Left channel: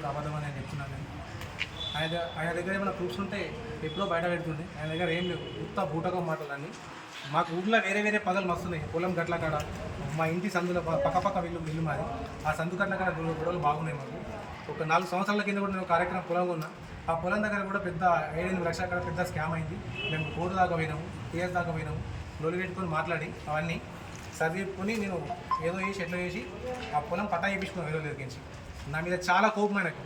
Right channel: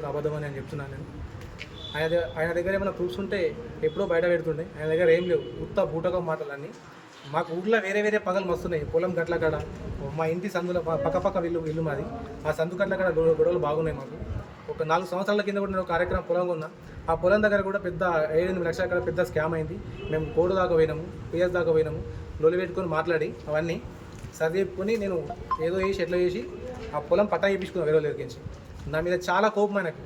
అబద్ధమని అబద్ధం అని నేను చెప్తున్నాను నేను. ఆయన దగ్గర ఆయన దగ్గర ఏమైనా ప్రూఫ్స్ ఉంటే ఎప్పుడో బయట పెడుతుండే. ఆయన దగ్గర ఏం లేవు. ఉత్త బూటకం మాటలన్నీ. మాకు ఊళ్ళో వేరే వేరే పగలు వస్తున్నాయి పొలం గట్ల కాడ మా ఇంటి సందులో పక్కపక్క పక్క పక్క ఇల్లు ఇల్లు మాది. ఆ సందు గట్ల కాడ గొడవలు బాగున్నాయి మాకు. ఒక నాలుగు సంవత్సరాల కింద కూడా నేను కార్యక్రమం పొలం ఉన్నా. ఆ పొలం దగ్గర కూడా పెద్ద ఏడెనిమిది లక్షల అక్కడ పెద్ద స్కామ్ అయింది. మేము కోడు దాకా పోయినాము పిఎస్ దాకా పోయినాము. లొలి పెట్టుకొని మాట్లాడి అవన్నీ చదివుకొని నేను ఏదో చేసి ఎట్లా చేసి ఆ పొలం పట్టా చేయించుకున్నాను వేరే దగ్గరించి నా మీద చాలా కోపం ఆయనకు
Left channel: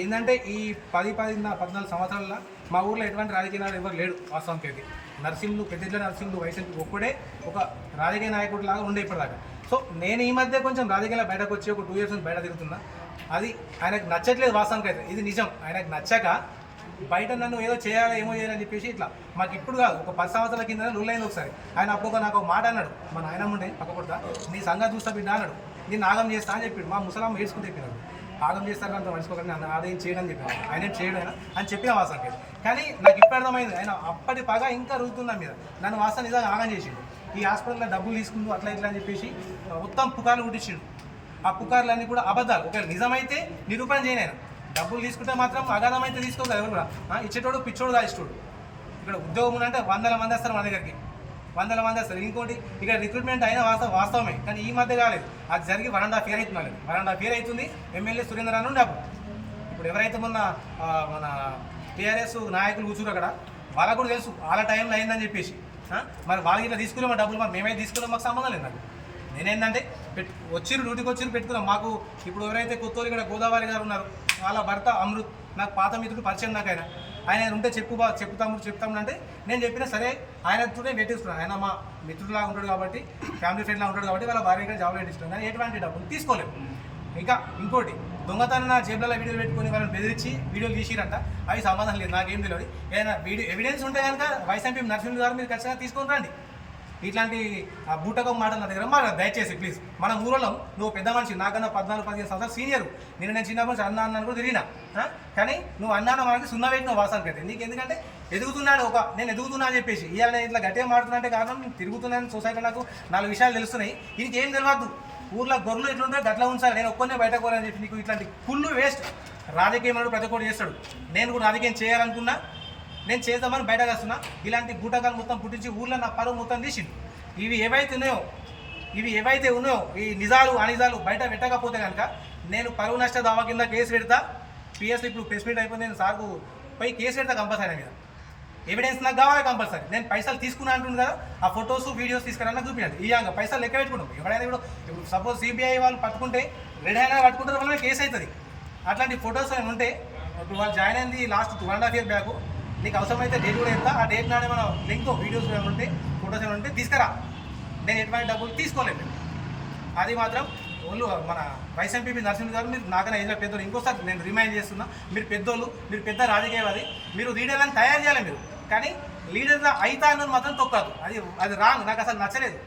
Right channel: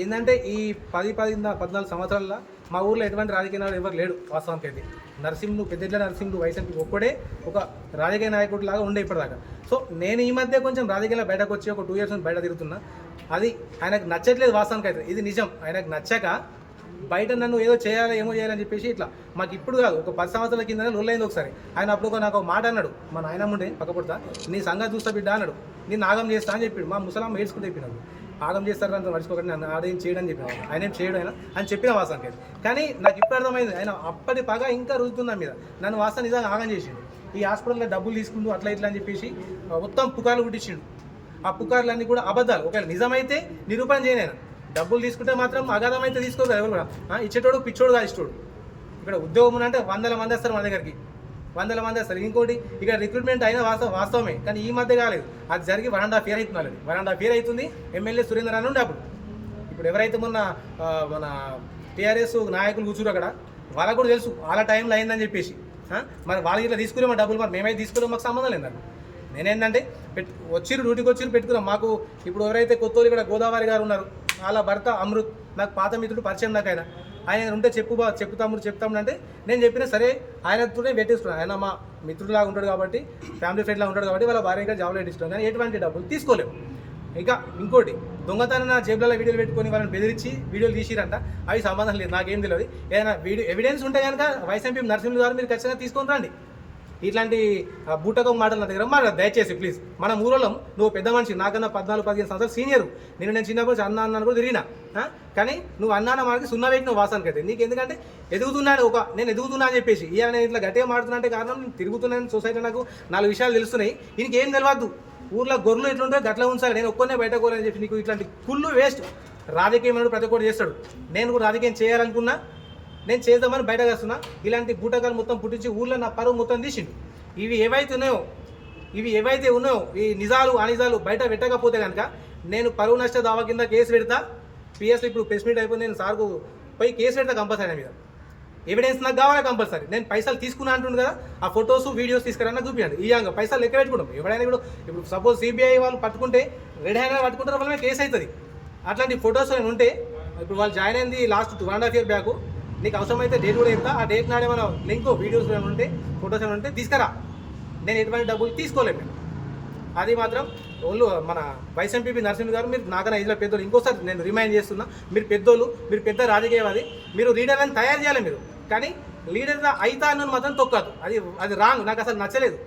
ఏంటంటే ఈ పది పది పద్నాలుగు సంవత్సరాల మా ఊర్లో ఎటువంటి రాజకీయ నాయకుడు ఎవరు లేడు వాస్తవానికి అయితే. నరసింహులు పెద్దల నరసింహులు వైసీపీ ఒక్కడే ఒక రాజకీయ నాయకుడు లాగా ఉండే ఇప్పటిదాకా. సో నేను ఈ మధ్య కొంచెం రాజకీయాల బయటకు వచ్చి ఒక టూ ఇయర్స్ నుంచి బయట తిరుగుతున్నా. అది ఆయనకు నచ్చట్లేదు వాస్తవానికి అయితే. ఇది నిజం. ఆయనకు నచ్చక బయట నన్ను ఏదో చేయాలి ఏమో చేయాలని చెప్పేసి ఇట్లా మాకు ఇప్పుడు కాదు ఒక పది సంవత్సరాల కింద లొల్లైంది ఒకసారి. ఆయన అప్పుడు నాకు ఒక మాట అన్నాడు. మా నాయనమ్మ ఉండే నీ సంగతి చూస్తా బిడ్డ అన్నాడు. నేను నాగం చేస్తా అని చెప్పాడు. మా ముసలాం ఏడ్చుకుని చెప్పినాడు. ఆగం చేస్తారు అంత మర్చిపోకండి నన్ను ఆదాయం చేయడం చెప్పాను ఆయన చేయడం అయినా అని చెప్పిన వాసనకి కానీ నాకు ఇప్పుడు అర్థమైంది ఆయన అప్పటి పగ ఇంకా రుజుతుందా మీద. నన్ను వాసన నిజంగా ఆగం చేసిండు. ఈ హాస్పిటల్లో డబ్బులు తీసుకుంటూ అట్లా ఇట్లా అని చెప్పేసి మొత్తం పుకార్లు కుట్టించిండు. ఆ పుకార్లన్నీ కూడా అబద్ధాలు. ఒకవేళ నిజమైతే నిరూపణ చేయలేను డబ్బులు తీసుకుంటే మాత్రం అగాధమైతే అయితే ఎవరు కూడా. ఇచ్చేటోడు పిచ్చోడు కాదు ఇష్టోడు ఇక్కడ ఉద్యోగం అంటే వందల మంది వస్తారు మన దగ్గరికి. వందల మంది అసలు ఇంకోటి ఇక రిక్రూట్మెంట్ అయినా వాస్తవం వాస్తవమే కానీ ఈ మధ్య కాలేదు. అది జరిగి వన్ అండ్ హాఫ్ ఇయర్ అవుతుంది వాళ్ళది వన్ అండ్ హాఫ్ ఇయర్ అవుతుంది ఎమ్మెల్యే సురేంద్ర అని ఉండే అప్పుడు. ఇప్పుడు ఎవరైతే మొన్న మన టీఆర్ఎస్ నాయకులు కూర్చురు అక్కడ వాళ్ళకు కూడా తెలుసు వాళ్ళ టైంలో అయిందని చెప్పేసి. మరి వాళ్ళకి ఇట్లా తీసుకున్నాం డబ్బులు మరి మేమైతే తీసుకున్నాం మాకు సంబంధం లేదు నాకు నేనేంటంటే పెట్టు వచ్చిర్రు డ్యూటీకి వచ్చిర్రు పెట్టుకున్నాం. మాకు ఇప్పుడు ఎవరైతే కొత్తోళ్ళు ఇక్కడ గోదావరి గారు ఉన్నారు వాళ్ళ భర్త అమృత్ నాకు పాత మిత్రుడు పరిచయం నాకు ఆయన. ఆయన ఉంటే చెప్పు బా చెప్పు తమ్ముడు చెప్తాము అంటే నేను చెప్పిన సరే ఆయనతోనే పెట్టేసుకున్నాను ఆయన మా మిత్రులాగా ఉంటాడు కాబట్టి ఫ్యామిలీ ఫ్రెండ్లా ఉంటాడు కాబట్టి వాళ్ళ భార్య జాబ్లో పెట్టిస్తున్నాను కానీ ఎటువంటి డబ్బులు తీసుకోలేము ఇంకా ఇంకోటి దొంగతనం నా జేబులలో వీడియోలు పెట్టుకొని వాళ్ళని బెదిరించి వీడియోలు తీసిరంట. అవి సంబంధం లేదు. నాకేం తెలియదు ఏదైనా వీడియో ఎవిడెన్స్ ఉంటే కనుక వైస్ ఎంపీ నరసింహ గారు మీరు ఖచ్చితంగా తీసుకొని రండి. ఇట్లాంటి ఆ, బూటకం మాటలు నా దగ్గర మాట దయచేసి ప్లీజ్ మన ఊరోళ్ళం. నువ్వు పెద్ద మనిషి నాకన్నా పద్నాలుగు పదిహేను సంవత్సరాలు సీనియర్. నేను నేను చిన్నప్పటి నుంచి అన్న అన్నాను కూడా తిరిగినా. కానీ నువ్వు అన్నాన మనకి సున్న పెట్టిన వాసానికి అయితే. నీకు ఎందుకంటే ఎదుగుతున్నాను ఒక నేను ఎదుగుతున్నా అని చెప్పేసి ఇవాళ నేను ఇట్లా గట్టిగా మాడుతున్నా అంటే కారణం నేను తిరుగుతున్నాను సొసైటీ నాకు నాలుగు విషయాలు తెలుస్తున్నాయి. దీనికి ఏం తెలియదు ఊర్లో గొర్రెలు ఇట్లుంటే గట్ల ఉంచాలి. నేను ఒక్కనే బయట కోరని చెప్పి నీకు ఇట్లాంటి ఫుల్ వేస్ట్. రాజకీయం అనేది ప్రతి ఒక్కటి చేస్తాడు. నేను కూడా రాజకీయం చేయాలనుకున్నా. నేను చేద్దామని బయటకు వస్తున్నా ఇలాంటి బూటకాలు మొత్తం పుట్టించి ఊళ్ళో నా పరువు మొత్తం తీసిండు. ఇవి ఏవైతే ఉన్నాయో ఇవి ఏవైతే ఉన్నాయో ఈ నిజాలు అనిజాలు బయట పెట్టకపోతే కనుక నేను పరువు నష్ట దావా కింద కేసు పెడతా. పిఎస్ ఇప్పుడు ప్రెస్ మీట్ అయిపోయింది నేను సార్కు పోయి కేసు పెడతా కంపల్సరీ మీద. ఎవిడెన్స్ నాకు కావాలి కంపల్సరీ. నేను పైసలు తీసుకున్నా అంటుంది కదా ఆ ఫొటోస్ వీడియోస్ తీసుకురన్నా చూపించండి ఈ అంగ పైసలు లెక్క పెట్టుకుంటాం. ఎవడైనా కూడా ఇప్పుడు సపోజ్ సిబిఐ వాళ్ళు పట్టుకుంటే రెడ్ హ్యాండ్ పట్టుకుంటారు వాళ్ళ కేసు అవుతుంది. అట్లాంటి ఫొటోస్ నేను ఉంటే ఇప్పుడు వాళ్ళు జాయిన్ అయింది last one and half year back నీకు అవసరమైతే డేట్ కూడా ఎంత ఆ డేట్ నాడే మన లింక్ వీడియోస్ ఏమైనా ఉంటే ఫొటోస్ ఏమైనా ఉంటే తీసుకురా. నేను ఎటువంటి డబ్బులు తీసుకోలేదు అది మాత్రం ఓళ్ళు మన వైస్ ఎంపీ నరసింహ గారు మీరు నాకన్నా ఇంట్లో పెద్దోళ్ళు. ఇంకోసారి నేను రిమైండ్ చేస్తున్నా మీరు పెద్దోళ్ళు మీరు పెద్ద రాజకీయవాది మీరు లీడర్లను తయారు చేయాలి మీరు. కానీ లీడర్గా అయితా అన్నది మాత్రం తొక్కదు. అది అది రాంగ్ నాకు అసలు నచ్చలేదు.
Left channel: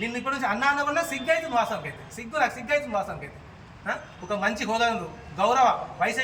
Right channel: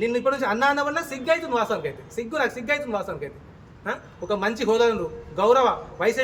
నిన్ను ఇప్పటి నుంచి అన్న అన్న వల్ల సిగ్గు అవుతుంది వాస్తవంకి అయితే సిగ్గు నాకు సిగ్గు అవుతుంది వాస్తవంకి అయితే ఒక మంచి హోదా గౌరవ వైస్